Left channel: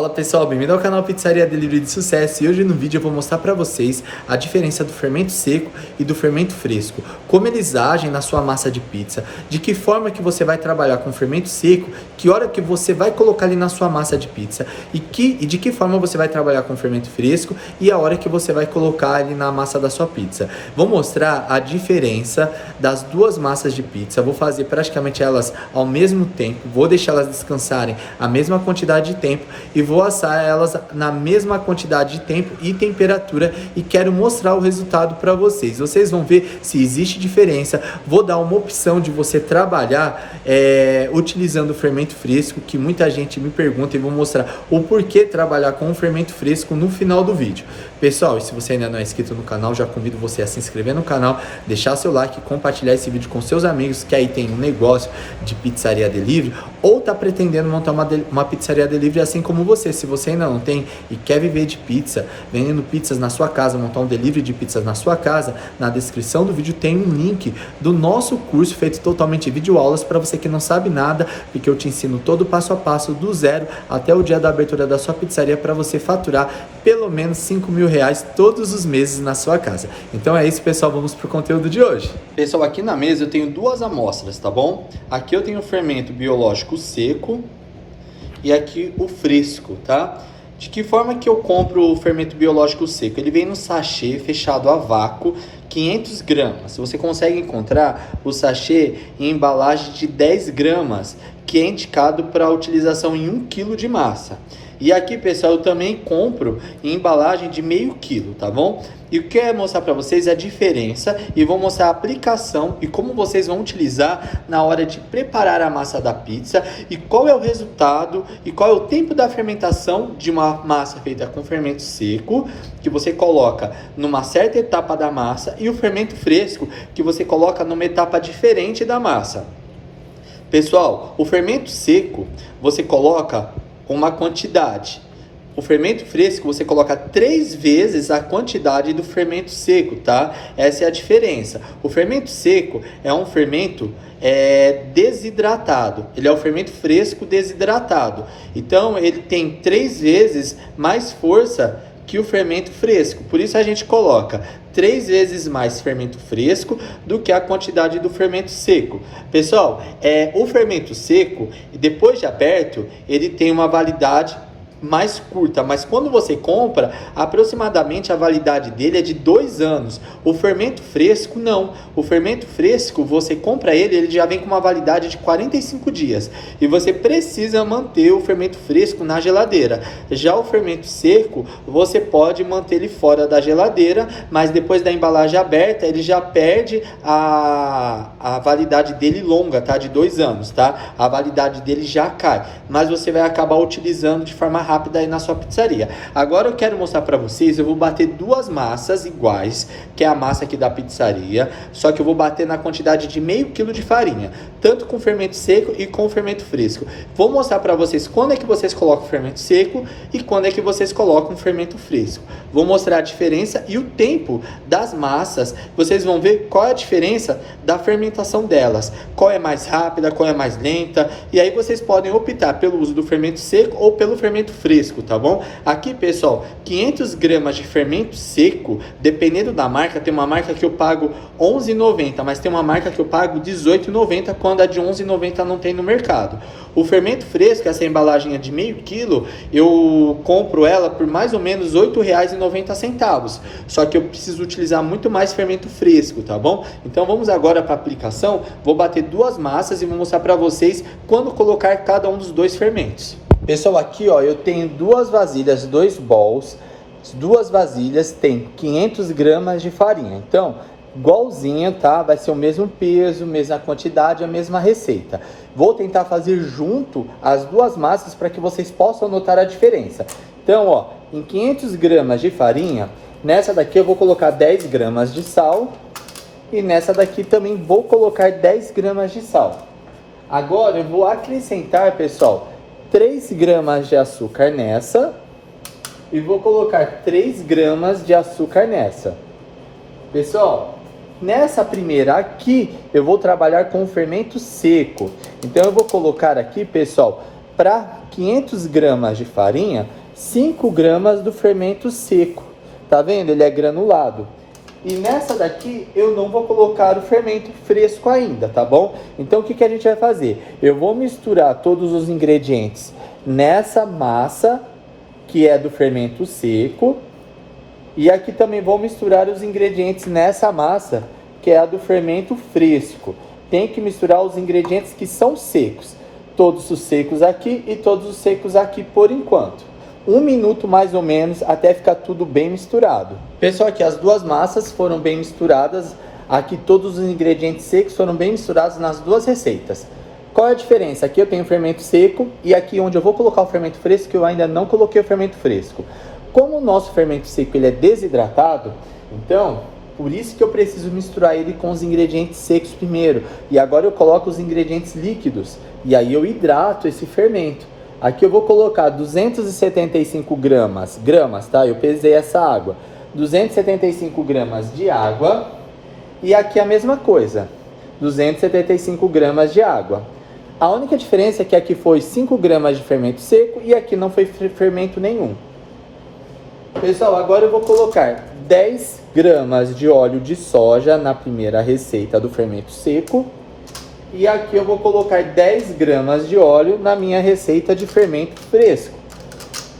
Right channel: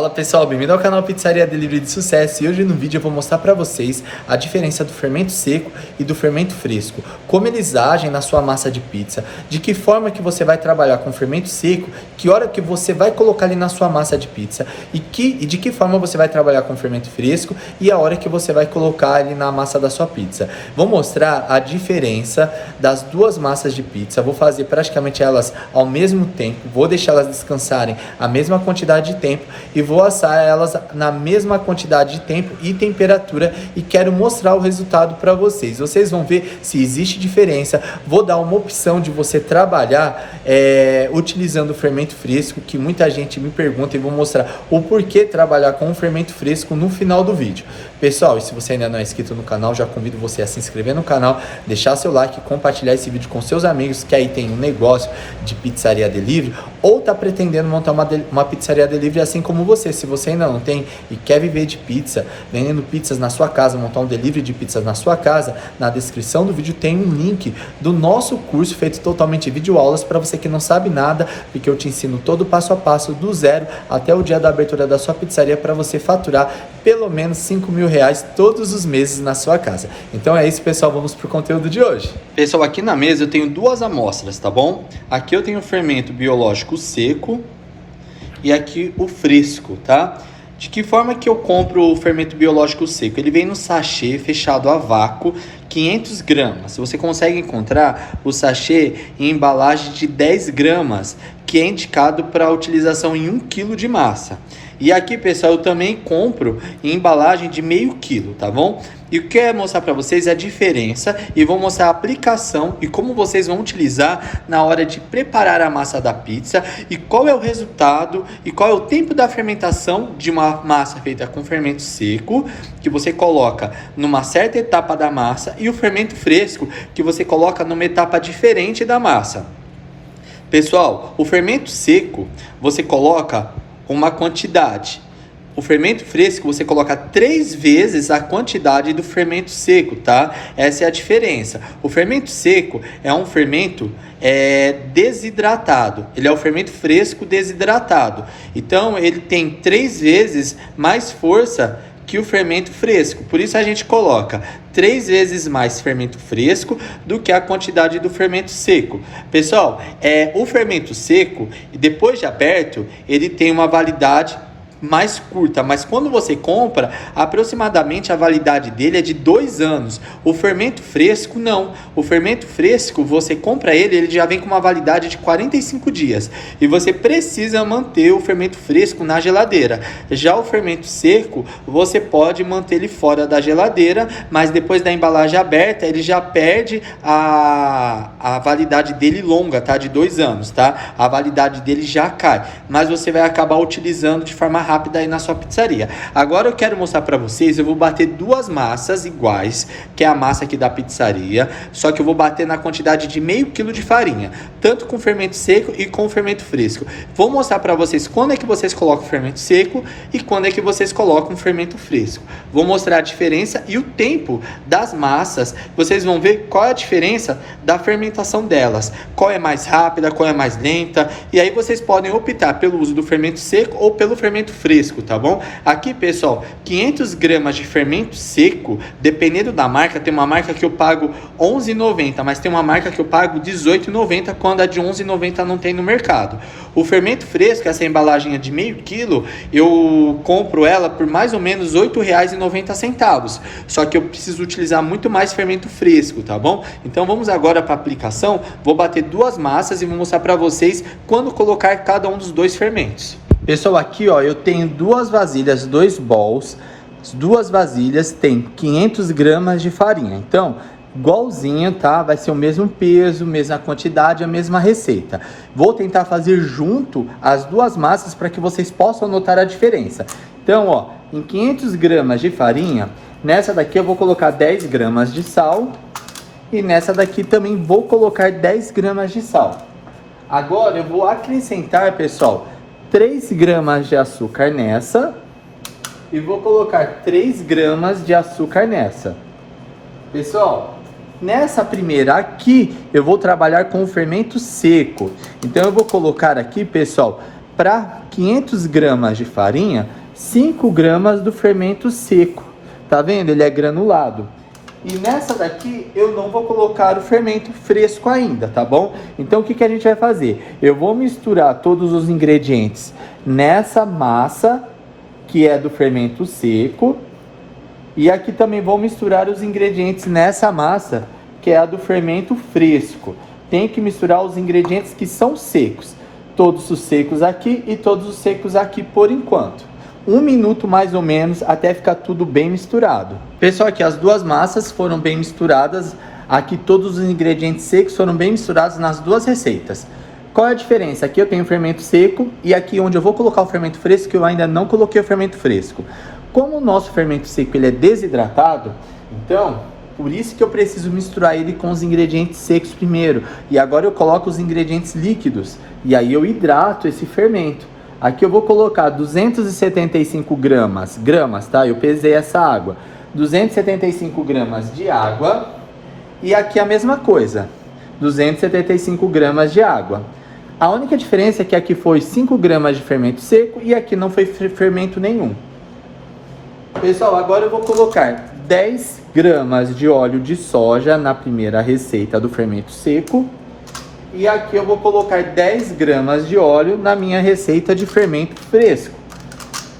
Fala pessoal, bem-vindo ao canal Pizzaria Delivery de Sucesso. E hoje no vídeo eu vou mostrar para vocês a diferença do fermento seco e do fermento fresco, como eles agem na sua massa de pizza, de que forma que você vai trabalhar com fermento seco, que hora que você vai colocar ali na sua massa de pizza e de que forma você vai trabalhar com fermento fresco e a hora que você vai colocar ali na massa da sua pizza. Vou mostrar a diferença das duas massas de pizza, vou fazer praticamente elas ao mesmo tempo, vou deixar elas descansarem a mesma quantidade de tempo e vou assar elas na mesma quantidade de tempo e temperatura e quero mostrar o resultado para vocês. Vocês vão ver se existe diferença. Vou dar uma opção de você trabalhar utilizando o fermento fresco, que muita gente me pergunta, e vou mostrar o porquê trabalhar com o fermento fresco no final do vídeo. Pessoal, e se você ainda não é inscrito no canal, já convido você a se inscrever no canal, deixar seu like, compartilhar esse vídeo com seus amigos que aí tem um negócio de pizzaria delivery ou tá pretendendo montar uma pizzaria delivery assim como você. Se você ainda não tem e quer viver de pizza, vendendo pizzas na sua casa, montar um delivery de pizzas na sua casa, na descrição do vídeo tem um link do nosso curso feito totalmente vídeo aulas para você que não sabe nada, porque eu te ensino todo o passo a passo do zero até o dia da abertura da sua pizzaria para você faturar pelo menos R$5.000 todos os meses na sua casa. Então é isso, pessoal, vamos pro conteúdo de hoje. Pessoal, aqui na mesa eu tenho duas amostras, tá bom? Aqui eu tenho o fermento biológico seco e aqui o fresco, tá? De que forma que eu compro o fermento biológico seco? Ele vem no sachê fechado a vácuo, 500 gramas. Você consegue encontrar o sachê em embalagem de 10 gramas, que é indicado para utilização em 1 kg de massa. E aqui, pessoal, eu também compro em embalagem de meio quilo, tá bom? E o que eu quero mostrar para vocês é a diferença e vou mostrar a aplicação e como vocês vão utilizar na hora de preparar a massa da pizza e qual é o resultado e qual é o tempo da fermentação de uma massa feita com fermento seco, que você coloca numa certa etapa da massa, e o fermento fresco, que você coloca numa etapa diferente da massa. Pessoal, o fermento seco você coloca uma quantidade. O fermento fresco você coloca 3 vezes a quantidade do fermento seco, tá? Essa é a diferença. O fermento seco é um fermento desidratado. Ele é o fermento fresco desidratado. Então ele tem 3 vezes mais força que o fermento fresco. Por isso a gente coloca 3 vezes mais fermento fresco do que a quantidade do fermento seco. Pessoal, o fermento seco, depois de aberto, ele tem uma validade mais curta, mas quando você compra, aproximadamente a validade dele é de 2 anos. O fermento fresco não. O fermento fresco, você compra ele já vem com uma validade de 45 dias. E você precisa manter o fermento fresco na geladeira. Já o fermento seco, você pode manter ele fora da geladeira, mas depois da embalagem aberta, ele já perde a validade dele longa, tá? De 2 anos, tá? A validade dele já cai, mas você vai acabar utilizando de forma rápida aí na sua pizzaria. Agora eu quero mostrar para vocês, eu vou bater duas massas iguais, que é a massa aqui da pizzaria, só que eu vou bater na quantidade de meio quilo de farinha, tanto com fermento seco e com fermento fresco. Vou mostrar para vocês quando é que vocês colocam fermento seco e quando é que vocês colocam fermento fresco. Vou mostrar a diferença e o tempo das massas. Vocês vão ver qual é a diferença da fermentação delas, qual é mais rápida, qual é mais lenta, e aí vocês podem optar pelo uso do fermento seco ou pelo fermento fresco, tá bom? Aqui, pessoal, 500 gramas de fermento seco, dependendo da marca, tem uma marca que eu pago R$11,90, mas tem uma marca que eu pago R$18,90 quando a de R$11,90 não tem no mercado. O fermento fresco, essa embalagem é de meio quilo, eu compro ela por mais ou menos R$8,90. Só que eu preciso utilizar muito mais fermento fresco, tá bom? Então vamos agora para a aplicação. Vou bater duas massas e vou mostrar para vocês quando colocar cada um dos dois fermentos. Pessoal, aqui ó, eu tenho duas vasilhas, 2 bowls. As duas vasilhas tem 500 gramas de farinha. Então, igualzinho, tá? Vai ser o mesmo peso, mesma quantidade, a mesma receita. Vou tentar fazer junto as duas massas para que vocês possam notar a diferença. Então, ó, em 500 gramas de farinha, nessa daqui eu vou colocar 10 gramas de sal. E nessa daqui também vou colocar 10 gramas de sal. Agora eu vou acrescentar, pessoal, 3 gramas de açúcar nessa. E vou colocar 3 gramas de açúcar nessa. Pessoal, nessa primeira aqui, eu vou trabalhar com o fermento seco. Então eu vou colocar aqui, pessoal, para 500 gramas de farinha, 5 gramas do fermento seco. Tá vendo? Ele é granulado. E nessa daqui eu não vou colocar o fermento fresco ainda, tá bom? Então o que a gente vai fazer? Eu vou misturar todos os ingredientes nessa massa, que é do fermento seco. E aqui também vou misturar os ingredientes nessa massa, que é a do fermento fresco. Tem que misturar os ingredientes que são secos. Todos os secos aqui e todos os secos aqui por enquanto. 1 minuto mais ou menos até ficar tudo bem misturado. Pessoal, aqui as duas massas foram bem misturadas. Aqui todos os ingredientes secos foram bem misturados nas duas receitas. Qual é a diferença? Aqui eu tenho o fermento seco e aqui onde eu vou colocar o fermento fresco, eu ainda não coloquei o fermento fresco. Como o nosso fermento seco ele é desidratado, então por isso que eu preciso misturar ele com os ingredientes secos primeiro. E agora eu coloco os ingredientes líquidos e aí eu hidrato esse fermento. Aqui eu vou colocar 275 gramas, tá? Eu pesei essa água. 275 gramas de água. E aqui a mesma coisa, 275 gramas de água. A única diferença é que aqui foi 5 gramas de fermento seco e aqui não foi fermento nenhum. Pessoal, agora eu vou colocar 10 gramas de óleo de soja na primeira receita do fermento seco. E aqui eu vou colocar 10 gramas de óleo na minha receita de fermento fresco.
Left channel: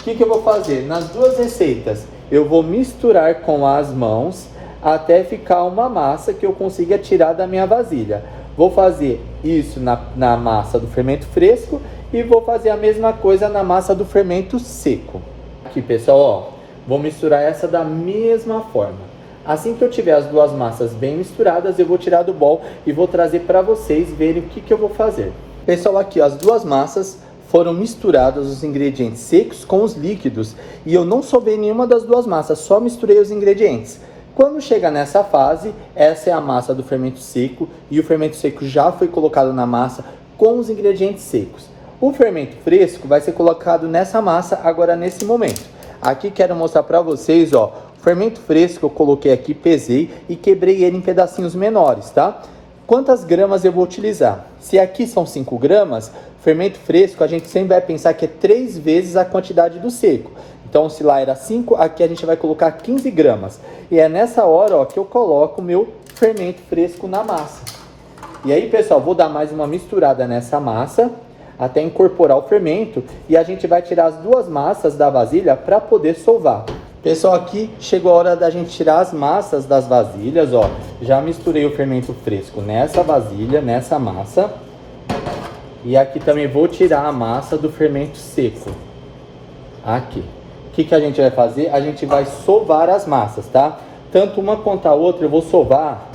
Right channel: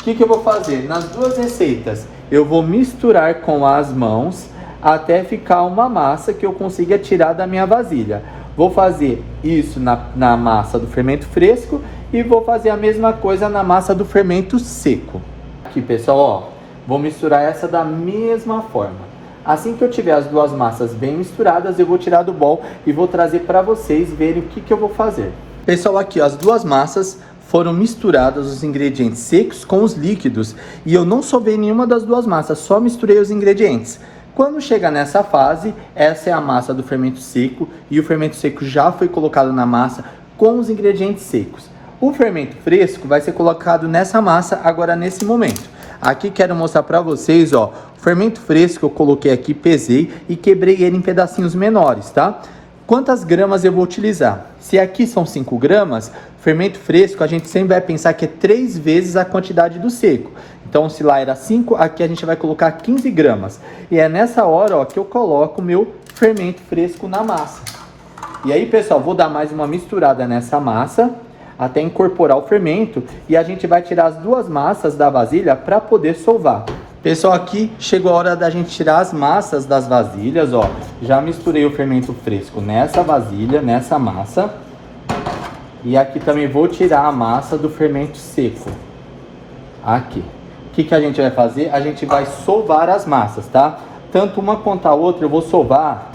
O que eu vou fazer? Nas duas receitas eu vou misturar com as mãos até ficar uma massa que eu consiga tirar da minha vasilha. Vou fazer isso na massa do fermento fresco e vou fazer a mesma coisa na massa do fermento seco. Aqui, pessoal, ó, vou misturar essa da mesma forma. Assim que eu tiver as duas massas bem misturadas, eu vou tirar do bol e vou trazer para vocês verem o que eu vou fazer. Pessoal, aqui ó, as duas massas foram misturadas, os ingredientes secos com os líquidos. E eu não sovei nenhuma das duas massas, só misturei os ingredientes. Quando chega nessa fase, essa é a massa do fermento seco e o fermento seco já foi colocado na massa com os ingredientes secos. O fermento fresco vai ser colocado nessa massa agora nesse momento. Aqui quero mostrar para vocês, ó, o fermento fresco eu coloquei aqui, pesei e quebrei ele em pedacinhos menores, tá? Quantas gramas eu vou utilizar? Se aqui são 5 gramas, fermento fresco a gente sempre vai pensar que é 3 vezes a quantidade do seco. Então se lá era 5, aqui a gente vai colocar 15 gramas. E é nessa hora, ó, que eu coloco o meu fermento fresco na massa. E aí, pessoal, vou dar mais uma misturada nessa massa até incorporar o fermento e a gente vai tirar as duas massas da vasilha para poder sovar. Pessoal, aqui chegou a hora da gente tirar as massas das vasilhas, ó. Já misturei o fermento fresco nessa vasilha, nessa massa. E aqui também vou tirar a massa do fermento seco. Aqui. O que a gente vai fazer? A gente vai sovar as massas, tá? Tanto uma quanto a outra eu vou sovar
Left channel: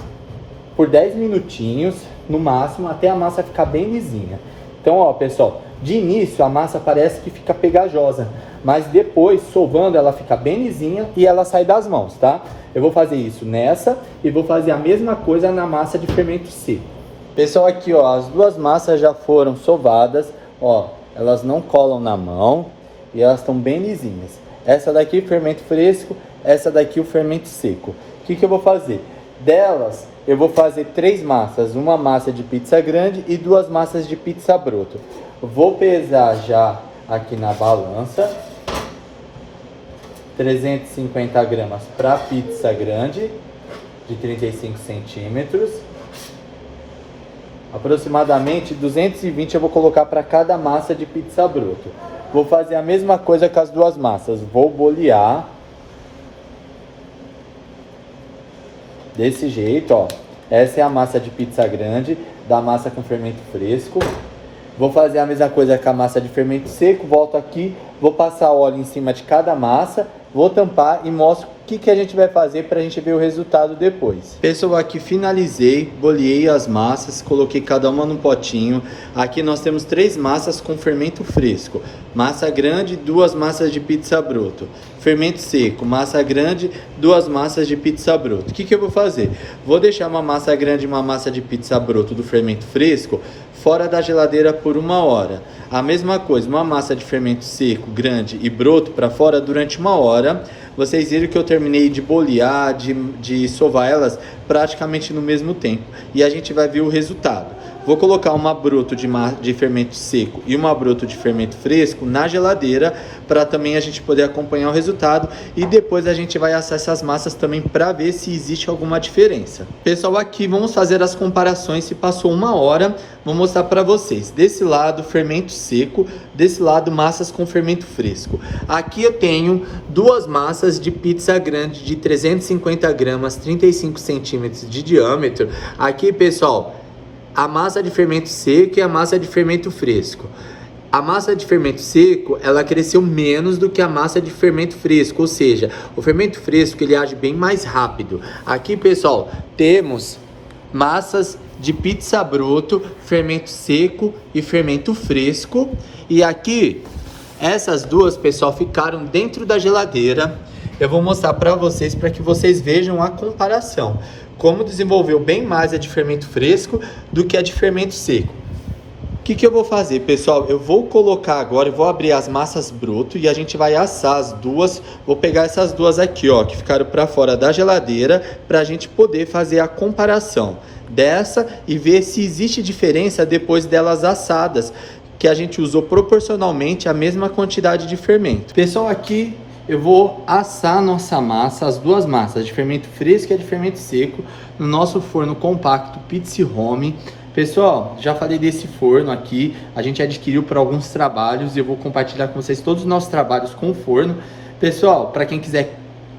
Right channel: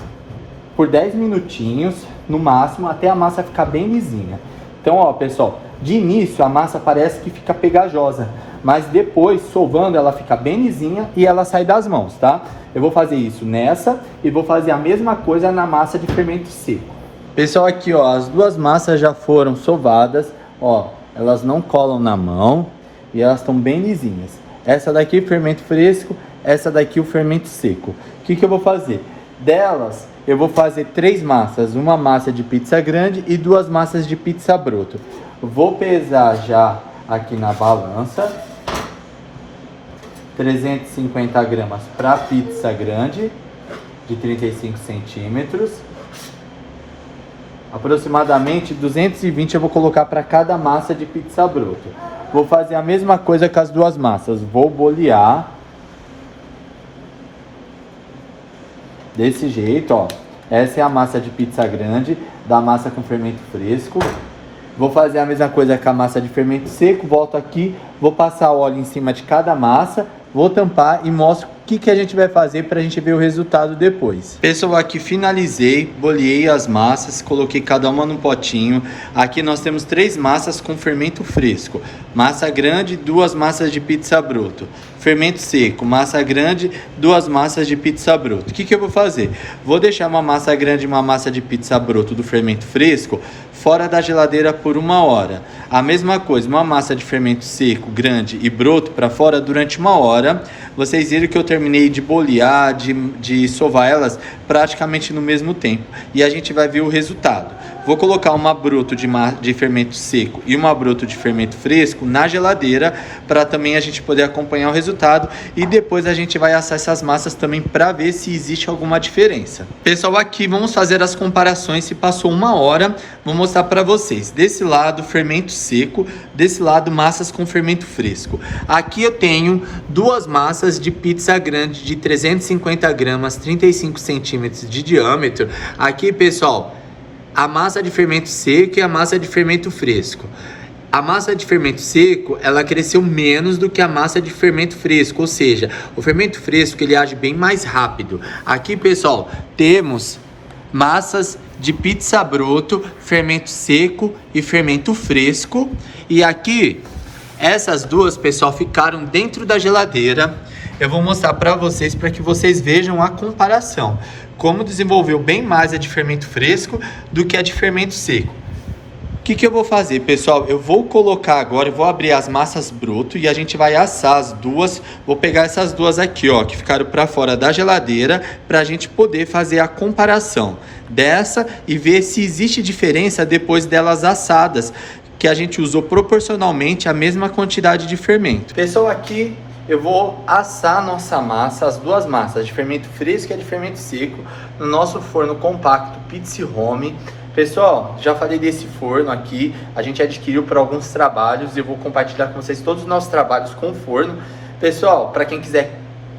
por 10 minutinhos, no máximo, até a massa ficar bem lisinha. Então, ó, pessoal, de início a massa parece que fica pegajosa, mas depois, sovando, ela fica bem lisinha e ela sai das mãos, tá? Eu vou fazer isso nessa e vou fazer a mesma coisa na massa de fermento seco. Pessoal, aqui, ó, as duas massas já foram sovadas, ó, elas não colam na mão e elas estão bem lisinhas. Essa daqui o fermento fresco, essa daqui o fermento seco. O que eu vou fazer? Delas, eu vou fazer 3 massas, uma massa de pizza grande e 2 massas de pizza broto. Vou pesar já aqui na balança, 350 gramas para pizza grande, de 35 centímetros. Aproximadamente 220 eu vou colocar para cada massa de pizza broto. Vou fazer a mesma coisa com as duas massas, vou bolear. Desse jeito, ó. Essa é a massa de pizza grande, da massa com fermento fresco. Vou fazer a mesma coisa com a massa de fermento seco. Volto aqui, vou passar óleo em cima de cada massa, vou tampar e mostro o que a gente vai fazer para a gente ver o resultado depois. Pessoal, aqui finalizei, boleei as massas, coloquei cada uma num potinho. Aqui nós temos 3 massas com fermento fresco. Massa grande, 2 massas de pizza broto. Fermento seco, massa grande, 2 massas de pizza broto. O que eu vou fazer? Vou deixar uma massa grande e uma massa de pizza broto do fermento fresco fora da geladeira por 1 hora. A mesma coisa, uma massa de fermento seco, grande e broto para fora durante 1 hora. vocês viram que eu terminei de bolear, de sovar elas praticamente no mesmo tempo. E a gente vai ver o resultado. Vou colocar uma broto de fermento seco e uma broto de fermento fresco na geladeira para também a gente poder acompanhar o resultado, e depois a gente vai assar essas massas também para ver se existe alguma diferença. Pessoal, aqui vamos fazer as comparações. Se passou 1 hora, vou mostrar para vocês. Desse lado fermento seco, desse lado massas com fermento fresco. Aqui eu tenho duas massas de pizza grande de 350 gramas, 35 centímetros de diâmetro. Aqui, pessoal, a massa de fermento seco e a massa de fermento fresco. A massa de fermento seco, ela cresceu menos do que a massa de fermento fresco, ou seja, o fermento fresco ele age bem mais rápido. Aqui, pessoal, temos massas de pizza broto, fermento seco e fermento fresco. E aqui, essas duas, pessoal, ficaram dentro da geladeira. Eu vou mostrar para vocês que vocês vejam a comparação. Como desenvolveu bem mais a de fermento fresco do que a de fermento seco. O que eu vou fazer, pessoal? Eu vou colocar agora, eu vou abrir as massas broto e a gente vai assar as duas. Vou pegar essas duas aqui, ó, que ficaram para fora da geladeira, para a gente poder fazer a comparação dessa e ver se existe diferença depois delas assadas, que a gente usou proporcionalmente a mesma quantidade de fermento. Pessoal, aqui eu vou assar a nossa massa, as duas massas, de fermento fresco e de fermento seco, no nosso forno compacto Pizza Home. Pessoal, já falei desse forno aqui, a gente adquiriu para alguns trabalhos e eu vou compartilhar com vocês todos os nossos trabalhos com o forno. Pessoal, para quem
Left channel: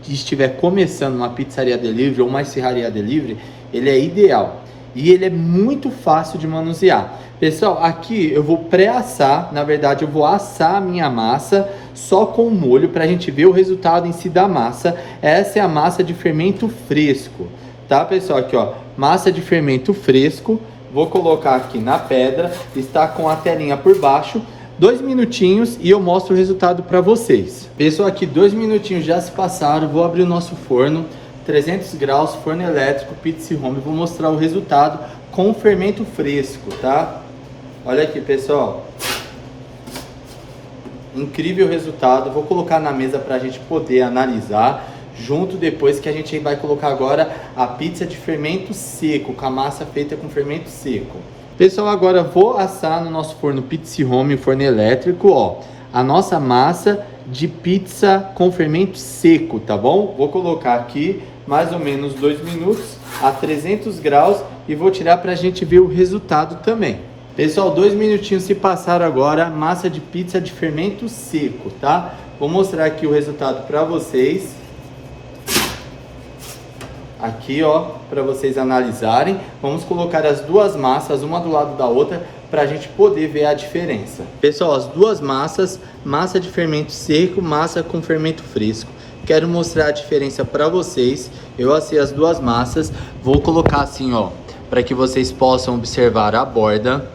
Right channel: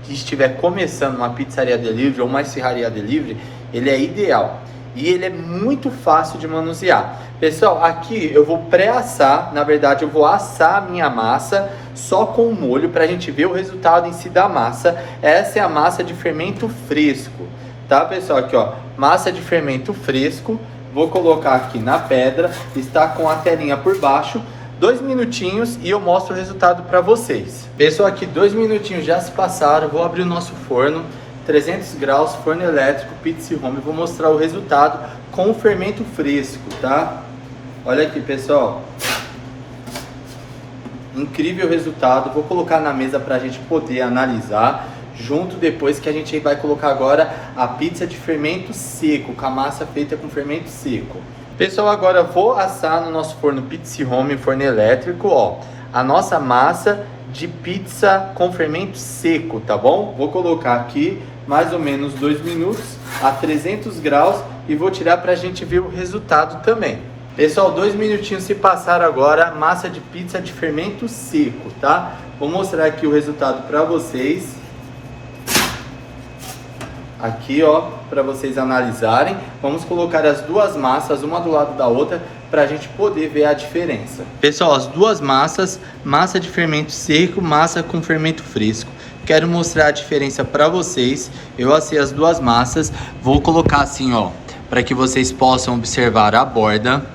estiver começando uma pizzaria delivery ou uma serraria delivery, ele é ideal e ele é muito fácil de manusear. Pessoal, aqui eu vou pré-assar, na verdade eu vou assar a minha massa só com o molho para a gente ver o resultado em si da massa. Essa é a massa de fermento fresco, tá, pessoal? Aqui, ó, massa de fermento fresco. Vou colocar aqui na pedra, está com a telinha por baixo. 2 minutinhos e eu mostro o resultado para vocês. Pessoal, aqui 2 minutinhos já se passaram. Vou abrir o nosso forno, 300 graus, forno elétrico, Pizza Home. Vou mostrar o resultado com o fermento fresco, tá? Olha aqui, pessoal. Incrível resultado. Vou colocar na mesa para a gente poder analisar. Junto depois que a gente vai colocar agora a pizza de fermento seco, com a massa feita com fermento seco. Pessoal, agora vou assar no nosso forno Pizza Home, forno elétrico, ó, a nossa massa de pizza com fermento seco, tá bom? Vou colocar aqui mais ou menos 2 minutos a 300 graus e vou tirar pra gente ver o resultado também. Pessoal, 2 minutinhos se passaram agora, massa de pizza de fermento seco, tá? Vou mostrar aqui o resultado pra vocês. Aqui, ó, para vocês analisarem. Vamos colocar as duas massas uma do lado da outra para a gente poder ver a diferença. Pessoal, as duas massas, massa de fermento seco, massa com fermento fresco. Quero mostrar a diferença para vocês. Eu assei as duas massas. Vou colocar assim, ó, para que vocês possam observar a borda.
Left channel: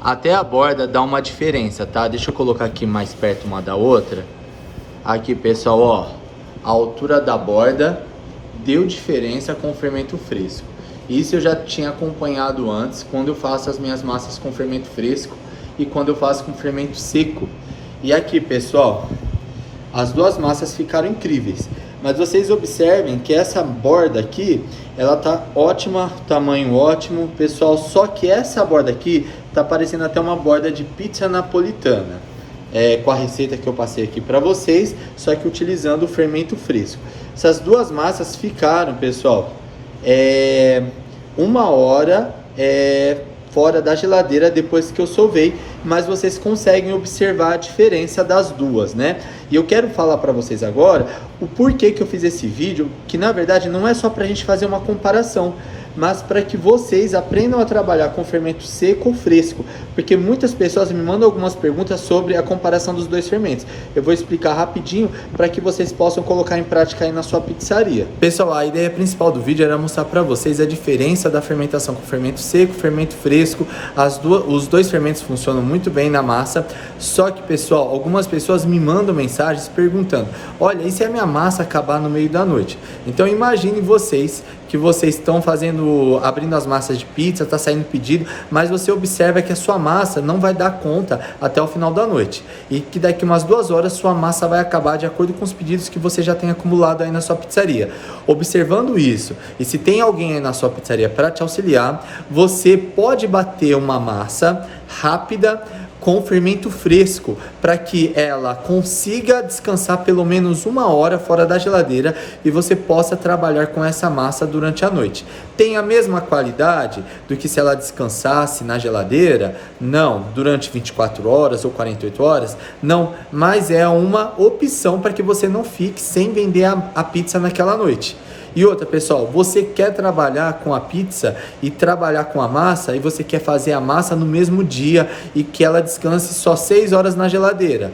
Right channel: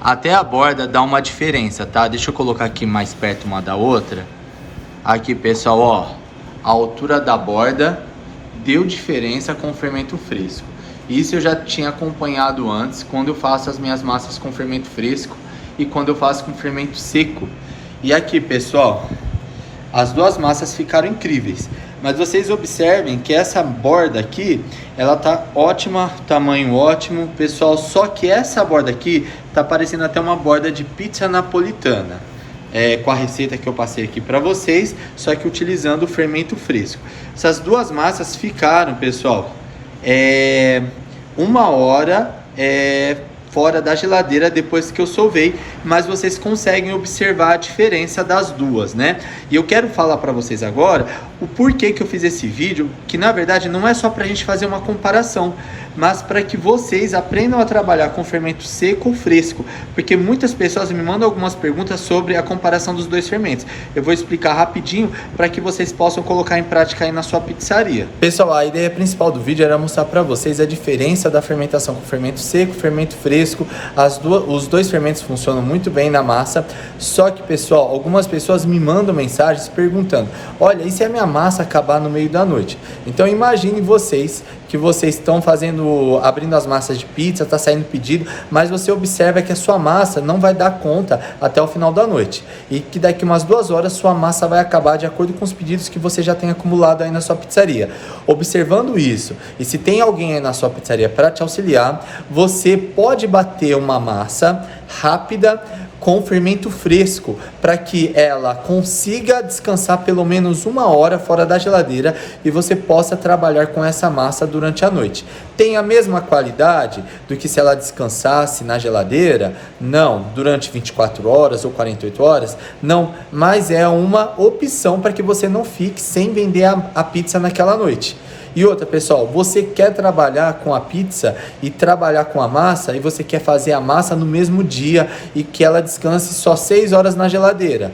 Até a borda dá uma diferença, tá? Deixa eu colocar aqui mais perto uma da outra. Aqui, pessoal, ó, a altura da borda deu diferença com o fermento fresco. Isso eu já tinha acompanhado antes, quando eu faço as minhas massas com fermento fresco e quando eu faço com fermento seco. E aqui, pessoal, as duas massas ficaram incríveis. Mas vocês observem que essa borda aqui, ela tá ótima, tamanho ótimo, pessoal. Só que essa borda aqui tá parecendo até uma borda de pizza napolitana. Com a receita que eu passei aqui para vocês, só que utilizando o fermento fresco. Essas duas massas ficaram, pessoal, 1 hora fora da geladeira depois que eu sovei, mas vocês conseguem observar a diferença das duas, né? E eu quero falar para vocês agora o porquê que eu fiz esse vídeo, que na verdade não é só para a gente fazer uma comparação, mas para que vocês aprendam a trabalhar com fermento seco ou fresco, porque muitas pessoas me mandam algumas perguntas sobre a comparação dos dois fermentos. Eu vou explicar rapidinho para que vocês possam colocar em prática aí na sua pizzaria. Pessoal, a ideia principal do vídeo era mostrar para vocês a diferença da fermentação com fermento seco, fermento fresco. Os dois fermentos funcionam muito bem na massa, só que, pessoal, algumas pessoas me mandam mensagens perguntando: olha, e se a minha massa acabar no meio da noite? Então imagine vocês que vocês estão abrindo as massas de pizza, está saindo pedido, mas você observa que a sua massa não vai dar conta até o final da noite. E que daqui umas 2 horas sua massa vai acabar de acordo com os pedidos que você já tem acumulado aí na sua pizzaria. Observando isso, e se tem alguém aí na sua pizzaria para te auxiliar, você pode bater uma massa rápida com fermento fresco, para que ela consiga descansar pelo menos 1 hora fora da geladeira e você possa trabalhar com essa massa durante a noite. Tem a mesma qualidade do que se ela descansasse na geladeira? Não. Durante 24 horas ou 48 horas? Não. Mas é uma opção para que você não fique sem vender a pizza naquela noite. E outra, pessoal, você quer trabalhar com a pizza e trabalhar com a massa e você quer fazer a massa no mesmo dia e que ela descanse só 6 horas na geladeira.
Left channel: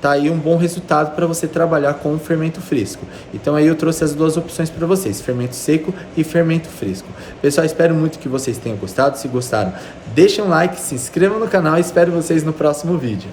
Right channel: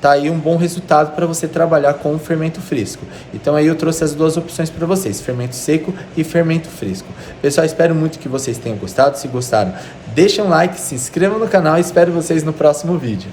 Tá aí um bom resultado para você trabalhar com o fermento fresco. Então aí eu trouxe as 2 opções para vocês, fermento seco e fermento fresco. Pessoal, espero muito que vocês tenham gostado. Se gostaram, deixem um like, se inscrevam no canal e espero vocês no próximo vídeo.